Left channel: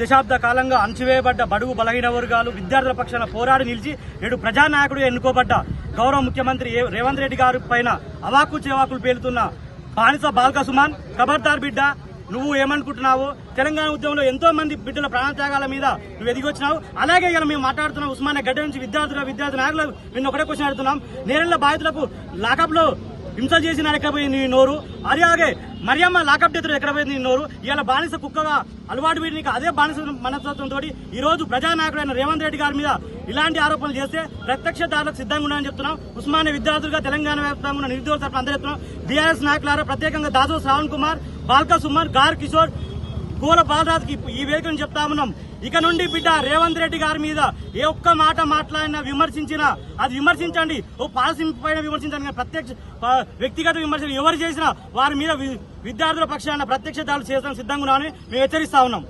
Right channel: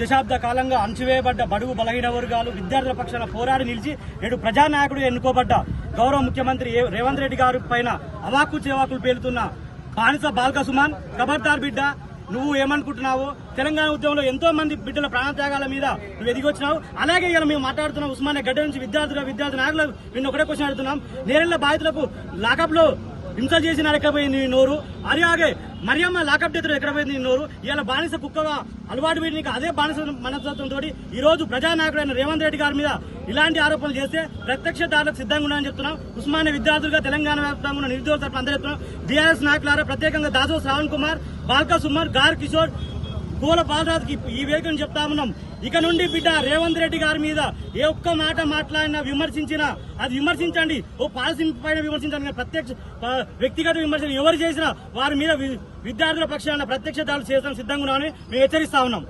దశాబ్ద కాలంగా అణచివేయబడ్డ బడుగు బలహీన వర్గాలు విద్యార్థుల పక్షాన పోరాడి నిలిచి నేడు ప్రజానాయకుడు ఎన్నుకోబడ్డ గౌరవ ముఖ్యమంత్రి రేవంత్ రెడ్డి గారి పైన అవాకు చేవాకులు పేలుతున్న బానిస బాల్క సుమన్ ఖబర్దార్ బిడ్డ, నువ్వు ఏమనుకుంటున్నావు? తెలంగాణ ఉద్యమంలో ఎంతో మంది బిడ్డల ప్రాణత్యాగాల మీద నువ్వు ఎదిగొచ్చినావు. అలాగే ఇలా మేము మాట్లాడుతున్నాం ఉస్మానియా గడ్డ నుంచి విద్యార్థి నాయకులు నిన్న ఒకటే క్వశ్చన్ అడుగుతున్నాం. నేరెళ్ల బాధితులకు లాకప్ లో హింస చేసిన ఎక్కడ పోయింది నీ నోరు? అలాగే మరియమ్మ లాకప్ డెత్తులు ఎక్కడ పోయింది నీ నోరు? ఇవాళ బానిస కుక్కగా అలవాటు పెట్టి నీకు అదే బానిస మనస్తత్వంతో ఈ రోజు ప్రజానాయకుడైన రేవంత్ రెడ్డి గారి మీద ఇలాంటి ఆరోపణలు చేస్తే ప్రత్యక్ష దాడులకు సిద్ధంగా ఉన్నాయని చెప్తున్నాం. ఉస్మానియా విద్యార్థులుగా తెలంగాణ వ్యాప్తంగా ఉన్న నిరుద్యోగుల తరఫున అందరూ చెప్తున్నాం. బీఆర్ఎస్ నాయకులారా, ప్రత్యేకంగా దాదో శ్రావణ్ కుమార్, బాల్క సుమన్, గార్ కిషోర్, పూల బాలరాజుకి ఈ వేగం చెప్తా ఉన్నాం. ఇక నుండి బిడ్డ రేవంత్ రెడ్డి గారి మీద ఏ ఒక్క మాట మాట్లాడినా విమర్శించినా అది విమర్శించండి, ఓ పాలసీ పైన విమర్శించండి. ప్రత్యక్ష వ్యక్తిగత విమర్శలు ఎవరు చేసినా వారి మీద విద్యార్థుల పక్షాన ప్రత్యక్ష దాడులు చేయడానికి సిద్ధంగా ఉన్నామని మేము హెచ్చరిస్తా ఉన్నాం.